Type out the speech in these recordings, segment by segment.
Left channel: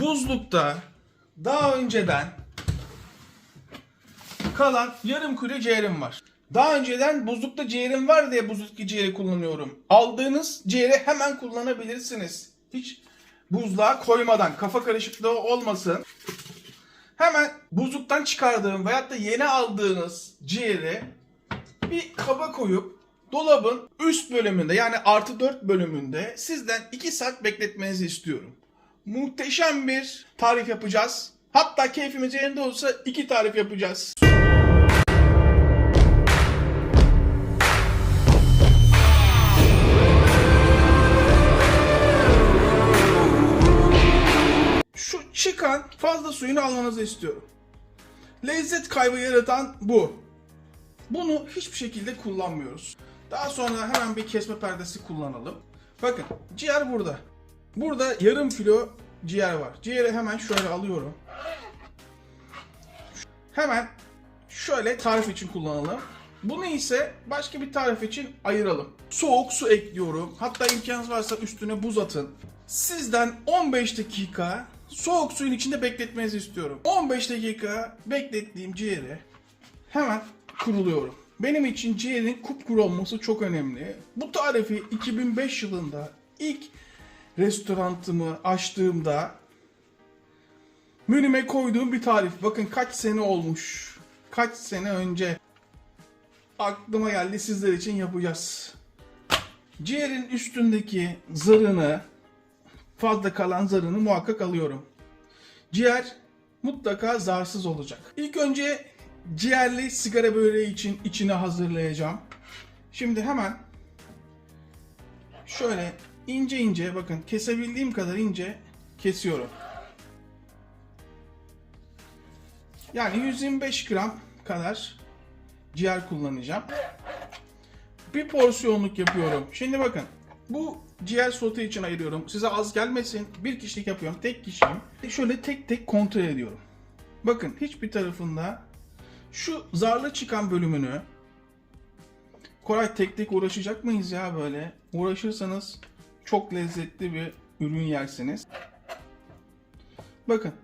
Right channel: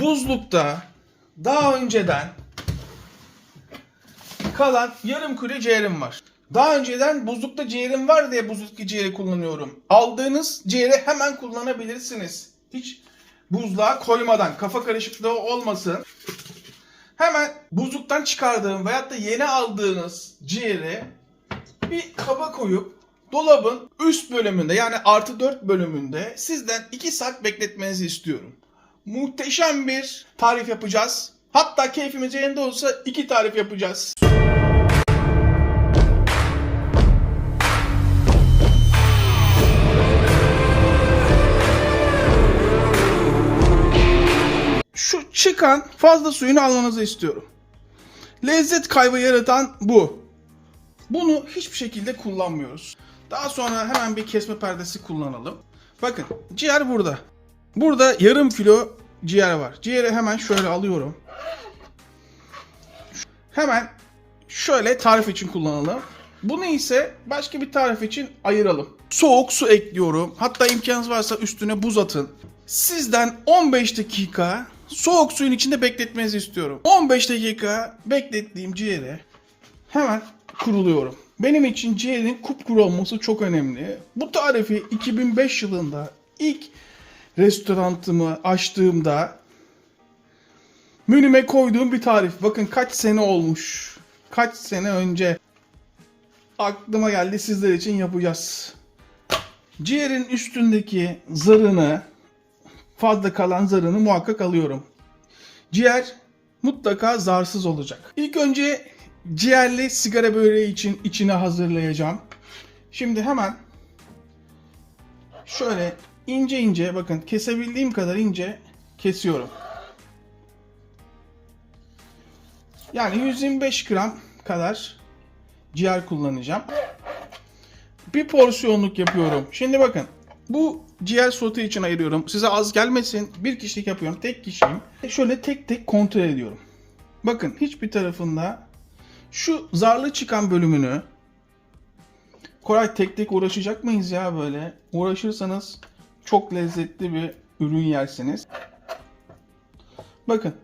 buzlukta daha önceden kalan yarım kilo ciğerim var. Daha önceden buzlukta ciğerim var diye buzluktaki ciğeri kullanıyorum. Aldığınız ciğeri hemen kullanabilirsiniz. Hiç buzluğa koymadan, kafa karışıklığı olmasın. Hemen buzluktan çıkardığım veyahut da yeni aldığınız ciğeri bir kaba koyup dolabın üst bölümünde, yani +4 bölümünde sizden 2 saat bekletmenizi istiyorum. Muhteşem bir tarif yapacağız. Hatta keyfimiz yerinde olsa 2 tarif yapacağız. Şu çıkan fazla suyunu almanızı istiyorum. Lezzet kaybı yaratan bu. Bunu hiçbir şekilde kullanmıyoruz. Daha sonra hemen bir kesme perdesi kullanalım. Bakın, ciğer burada. Burada yarım kilo ciğer var. Ciğeri hemen şöyle alıyorum. Hemen şöyle tarif için kullanalım. Bunu ise başka bir tarif için ayıralım. Soğuk su ekliyorum. Hatta imkanınız varsa üstüne buz atın. Sizden 15 dakika soğuk suyun içinde bekletmenizi istiyorum. 15 dakika beklettiğim ciğeri hemen kuruluyorum. Benim için ciğerin kupkuru olması çok önemli. Bu tarifi 2005 yılında ilk restoranımı açtığımda menüme koyduğum bir tarif. Bakın kaç sene olmuş. Kaç sene önce aklıma geldi, sizler için yapacağız. Ciğerin üstündeki zarını, fazla kalan zarını muhakkak alıyorum. Ciğer mutlaka zarsız olacak. İlk önce ciğerli sigara böreği için içine hazırlayacağım. Şimdi hemen şöyle ince ince, bakın kesebildiğim kadar ince kesiyorum. Yani 125 gram kadar ciğer kullanacağım. Bir porsiyonluk yapıyorum. Şimdi bakın, bu ciğer sote için ayırıyorum. Size az gelmesin. Bir kişilik yapıyorum. Tek kişiyim. Şöyle tek tek kontrol ediyorum. Bakın, hiçbir tarafında şu zarlı çıkan bölümünü, Koray tek tek uğraşacak mıyız ya böyle? Uğraşırsanız çok lezzetli bir ürün yersiniz. Bakın,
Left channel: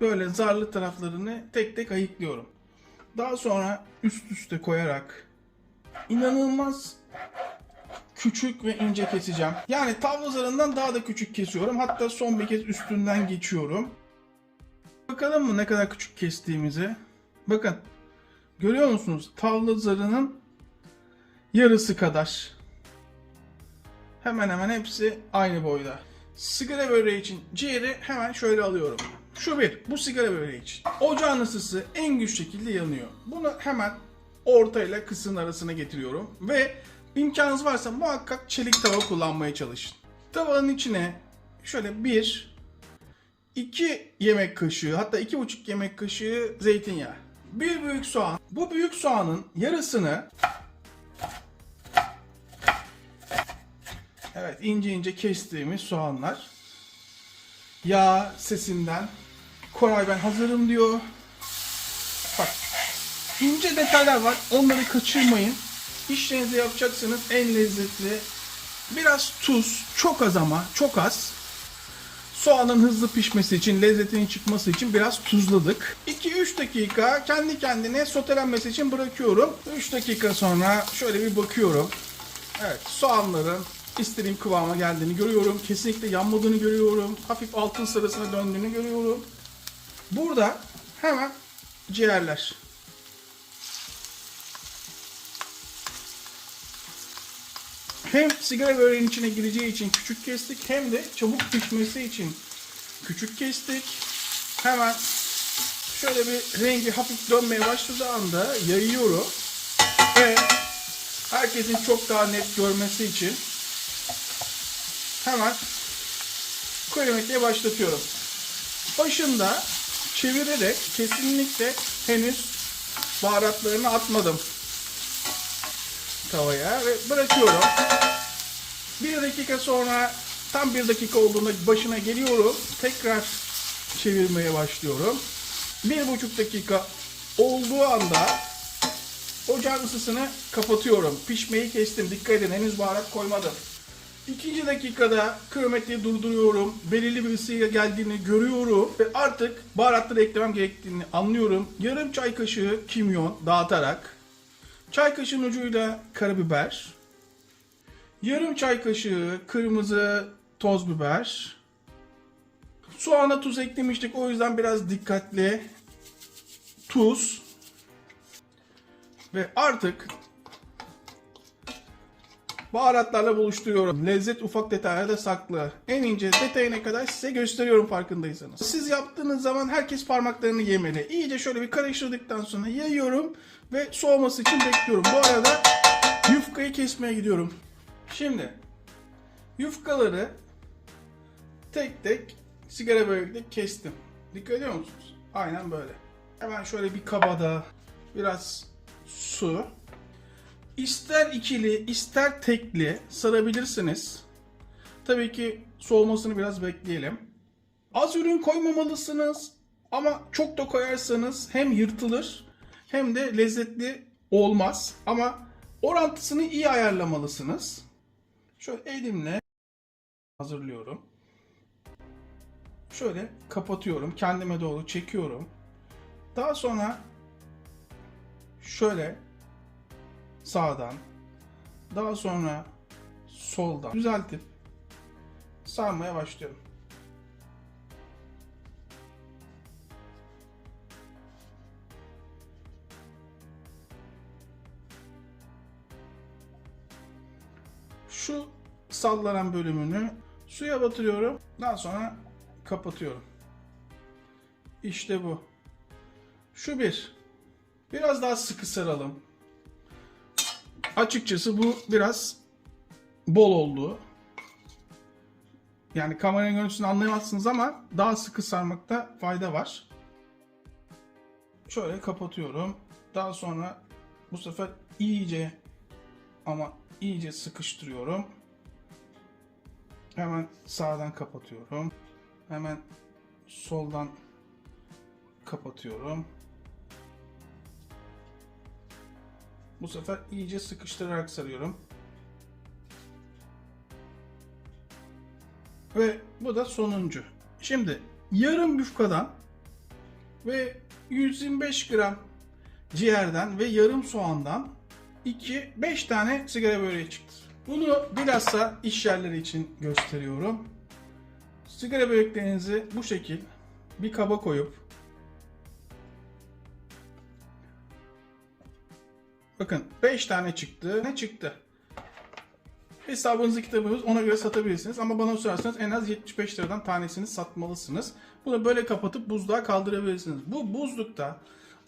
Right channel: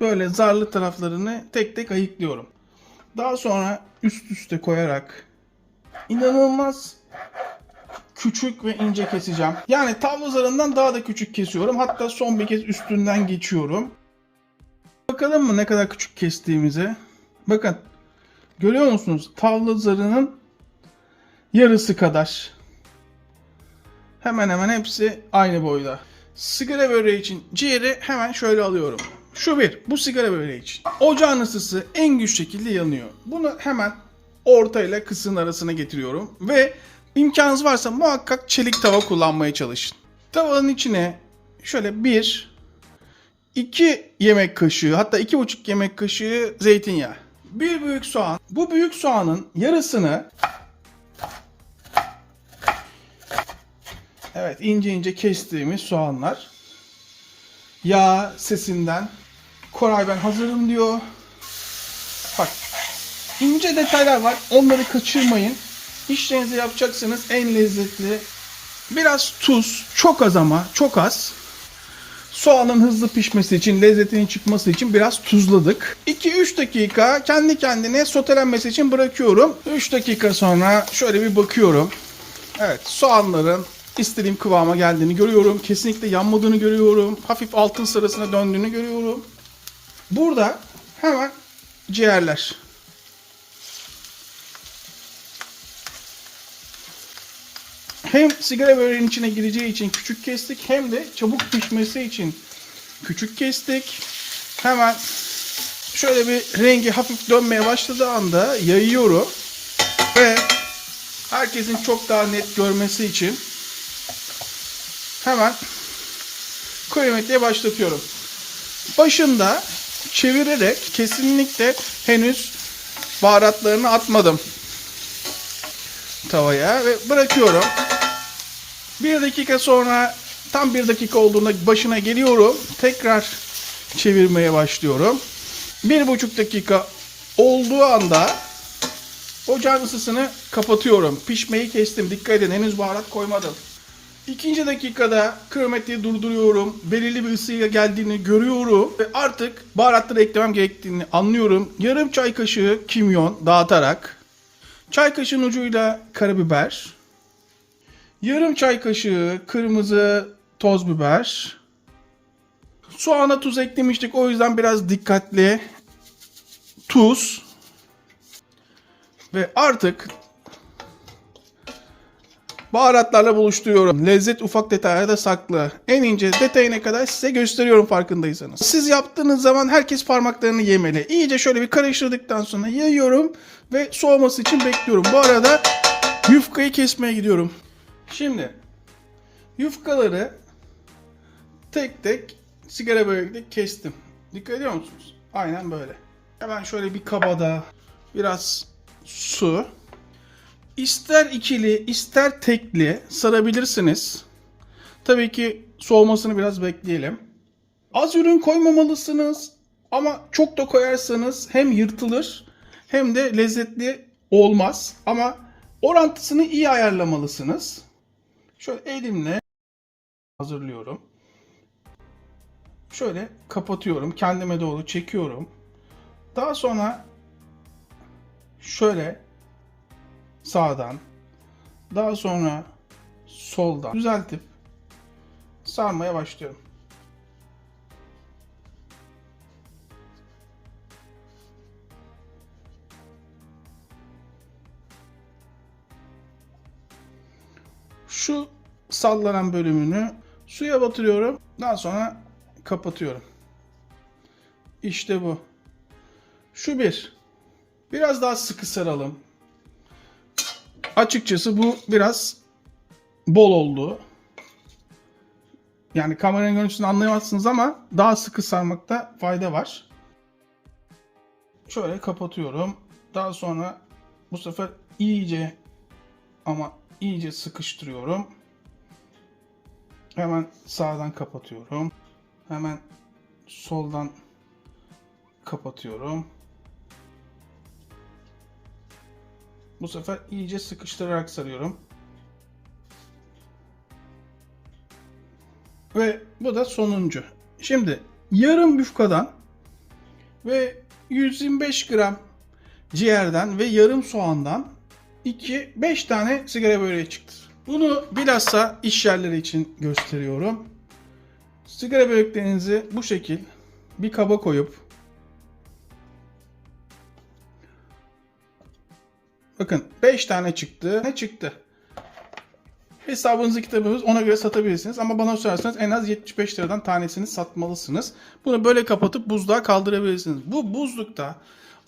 böyle zarlı taraflarını tek tek ayıklıyorum. Daha sonra üst üste koyarak inanılmaz küçük ve ince keseceğim. Yani tavla zarından daha da küçük kesiyorum. Hatta son bir kez üstünden geçiyorum. Bakalım mı ne kadar küçük kestiğimize? Bakın, görüyor musunuz? Tavla zarının yarısı kadar. Hemen hemen hepsi aynı boyda. Sigara böreği için ciğeri hemen şöyle alıyorum. Şu bir, bu sigara böreği için. Ocağın ısısı en güç şekilde yanıyor. Bunu hemen orta ile kısığın arasına getiriyorum ve imkanınız varsa muhakkak çelik tava kullanmaya çalışın. Tavanın içine şöyle 2 yemek kaşığı, hatta 2,5 yemek kaşığı zeytinyağı. Bir büyük soğan. Bu büyük soğanın yarısını, evet, ince ince kestiğimiz soğanlar. Yağ sesinden Koray ben hazırım diyor. Bak, ince detaylar var. Onları kaçırmayın. İşlerinizi yapacaksınız, en lezzetli. Biraz tuz, çok az ama çok az. Soğanın hızlı pişmesi için, lezzetinin çıkması için biraz tuzladık. 2-3 dakika kendi kendine sotelenmesi için bırakıyorum. 3 dakika sonra şöyle bir bakıyorum. Evet, soğanların istediğim kıvama geldiğini görüyorum. Kesinlikle yanmadığını görüyorum. Hafif altın sarısına döndüğünü görüyorum. Burada hemen ciğerler. Hem sigara böreğinin içine gireceği için küçük kestik, hem de çabuk pişmesi için küçük kestik. Hemen şöyle bir rengi hafif dönmeye başladığı anda yayıyorum ve herkesin çok daha net görmesi için hemen kronometreyi başlatıyorum. Başında çevirerek, kesinlikle henüz baharatlarını atmadım tavaya ve bırakıyorum. 1 dakika sonra, tam 1 dakika olduğunda başına geliyorum. Tekrar çevirmeye başlıyorum. 1,5 dakika olduğu anda ocağın ısısını kapatıyorum. Pişmeyi kestim. Dikkat edin, henüz baharat koymadım. İkinci dakikada kronometreyi durduruyorum. Belirli bir ısıya geldiğini görüyorum. Ve artık baharatları eklemem gerektiğini anlıyorum. Yarım çay kaşığı kimyon dağıtarak. Çay kaşığının ucuyla karabiber. Yarım çay kaşığı kırmızı toz biber. Soğana tuz eklemiştik. O yüzden biraz dikkatli. Tuz. Ve artık baharatlarla buluşturuyorum. Lezzet ufak detaylarda saklı. En ince detayına kadar size gösteriyorum farkındaysanız. Siz yaptığınız zaman herkes parmaklarını yemeli. İyice şöyle bir karıştırdıktan sonra yayıyorum ve soğuması için bekliyorum. Bu arada yufkayı kesmeye gidiyorum. Şimdi yufkaları tek tek sigara börekle kestim. Dikkat ediyor musunuz? Aynen böyle. Hemen şöyle bir kabada biraz su. İster ikili ister tekli sarabilirsiniz. Tabii ki soğumasını biraz bekleyelim. Az ürün koymamalısınız ama çok da koyarsanız hem yırtılır hem de lezzetli olmaz. Ama orantısını iyi ayarlamalısınız. Şöyle elimle hazırlıyorum. Şöyle kapatıyorum. Kendime doğru çekiyorum. Daha sonra şöyle sağdan, daha sonra soldan düzeltip sarmaya başlıyorum. Şu sallanan bölümünü suya batırıyorum. Daha sonra kapatıyorum. İşte bu. Şu bir. Biraz daha sıkı saralım. Açıkçası bu biraz bol oldu. Yani kameranın görüntüsünü anlayamazsınız ama daha sıkı sarmakta fayda var. Şöyle kapatıyorum. Daha sonra bu sefer iyice ama iyice sıkıştırıyorum. Hemen sağdan kapatıyorum. Hemen soldan kapatıyorum. Bu sefer iyice sıkıştırarak sarıyorum. Ve bu da sonuncu. Şimdi yarım yufkadan ve 125 gram ciğerden ve yarım soğandan 5 tane sigara böreği çıktı. Bunu bilhassa iş yerleri için gösteriyorum. Sigara böreklerinizi bu şekil bir kaba koyup bakın 5 tane çıktı. Ne çıktı? Hesabınızı kitabınız ona göre satabilirsiniz. Ama bana sorarsanız en az 75 liradan tanesini satmalısınız. Bunu böyle kapatıp buzluğa kaldırabilirsiniz. Bu buzlukta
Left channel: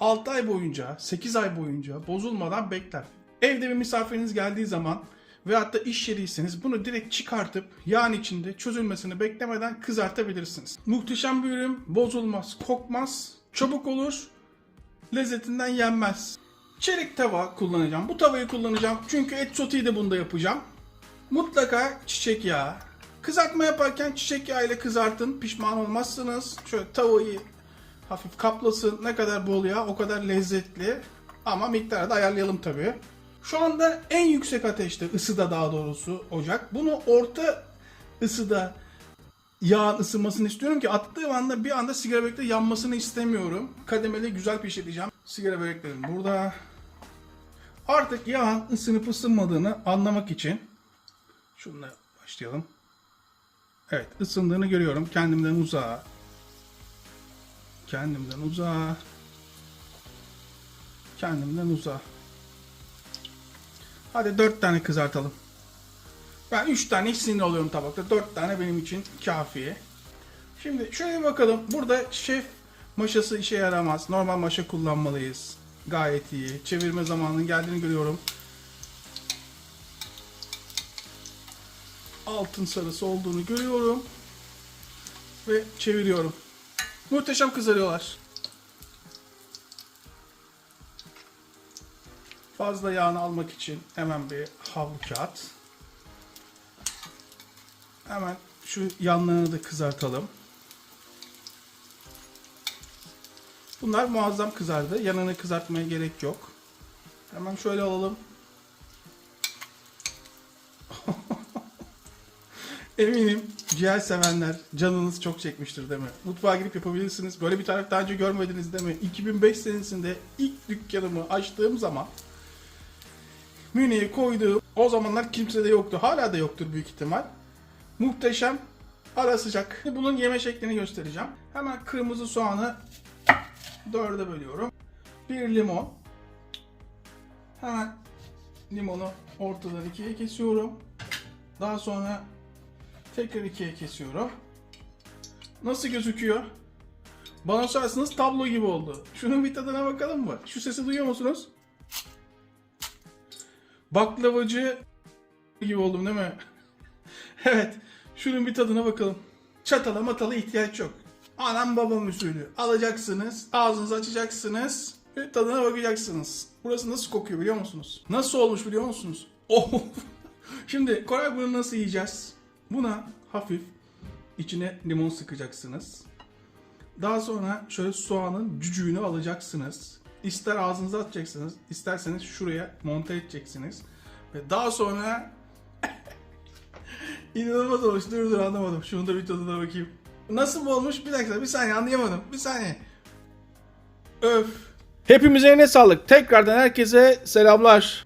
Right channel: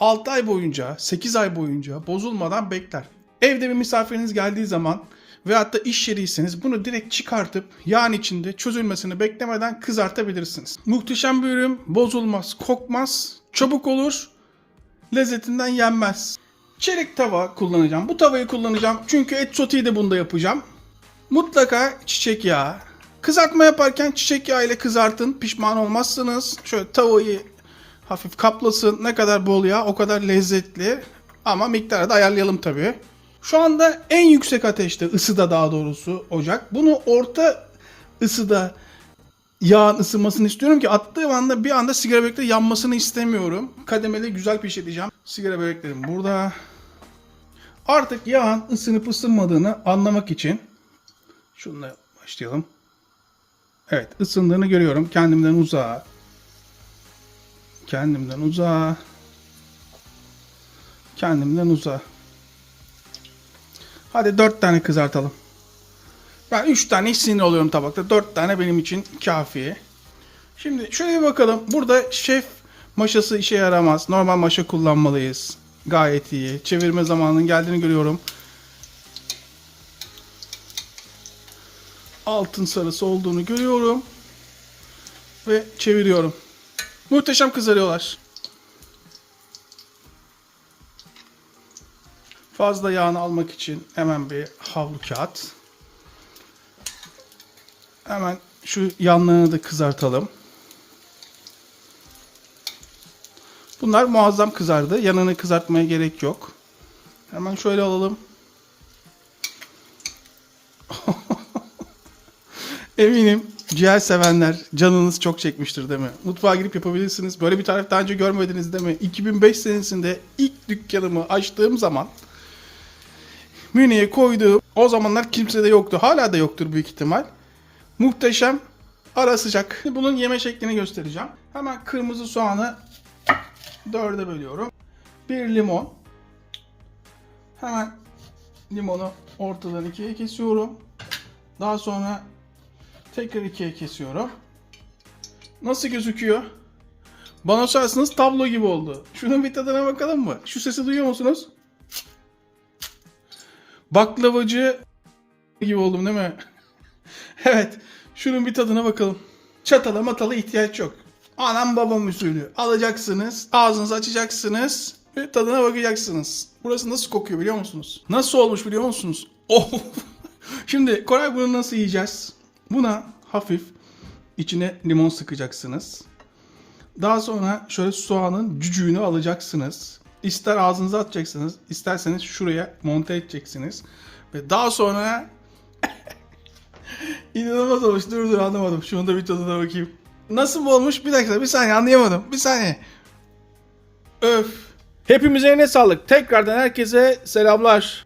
6 ay boyunca, 8 ay boyunca bozulmadan bekler. Evde bir misafiriniz geldiği zaman veyahut da iş yeriyseniz bunu direkt çıkartıp yağın içinde çözülmesini beklemeden kızartabilirsiniz. Muhteşem bir ürün, bozulmaz, kokmaz, çabuk olur, lezzetinden yenmez. Çelik tava kullanacağım. Bu tavayı kullanacağım çünkü et soteyi de bunda yapacağım. Mutlaka çiçek yağı. Kızartma yaparken çiçek yağı ile kızartın. Pişman olmazsınız. Şöyle tavayı hafif kaplasın. Ne kadar bol yağ o kadar lezzetli. Ama miktarı da ayarlayalım tabii. Şu anda en yüksek ateşte, ısıda daha doğrusu ocak. Bunu orta ısıda yağın ısınmasını istiyorum ki attığım anda bir anda sigara börekleri yanmasını istemiyorum. Kademeli güzel pişireceğim. Sigara böreklerim burada. Artık yağın ısınıp ısınmadığını anlamak için şununla başlayalım. Evet, ısındığını görüyorum. Kendimden uzağa. Kendimden uzağa. Kendimden uzağa. Hadi 4 tane kızartalım. Ben 3 tane hiç sinir oluyorum tabakta. 4 tane benim için kafi. Şimdi şöyle bir bakalım. Burada şef maşası işe yaramaz. Normal maşa kullanmalıyız. Gayet iyi. Çevirme zamanının geldiğini görüyorum. Altın sarısı olduğunu görüyorum. Ve çeviriyorum. Muhteşem kızarıyorlar. Fazla yağını almak için hemen bir havlu kağıt. Hemen şu yanlarını da kızartalım. Bunlar muazzam kızardı. Yanını kızartmaya gerek yok. Hemen şöyle alalım. Eminim ciğer sevenler canınız çok çekmiştir değil mi? Mutfağa girip yapabilirsiniz. Böyle bir tarif daha önce görmediniz değil mi? 2005 senesinde ilk dükkanımı açtığım zaman menüye koyduğum, o zamanlar kimse de yoktu. Hala da yoktur büyük ihtimal. Muhteşem ara sıcak. Bunun yeme şeklini göstereceğim. Hemen kırmızı soğanı 4'e bölüyorum. Bir limon. Hemen limonu ortadan 2'ye kesiyorum. Daha sonra tekrar 2'ye kesiyorum. Nasıl gözüküyor? Bana sorarsanız tablo gibi oldu. Şunun bir tadına bakalım mı? Şu sesi duyuyor musunuz? Baklavacı gibi oldum değil mi? Evet. Şunun bir tadına bakalım. Çatala matala ihtiyaç yok. Anam babam usulü. Alacaksınız, ağzınızı açacaksınız ve tadına bakacaksınız. Burası nasıl kokuyor biliyor musunuz? Nasıl olmuş biliyor musunuz? Oh! Şimdi Koray, bunu nasıl yiyeceğiz? Buna hafif içine limon sıkacaksınız. Daha sonra şöyle soğanın cücüğünü alacaksınız. İster ağzınıza atacaksınız, isterseniz şuraya monte edeceksiniz. Ve daha sonra inanılmaz olmuş. Dur anlamadım. Şunu da bir tadına bakayım. Nasıl olmuş? Bir dakika, bir saniye, anlayamadım. Bir saniye. Öf. Hepimize eline sağlık. Tekrardan herkese selamlar.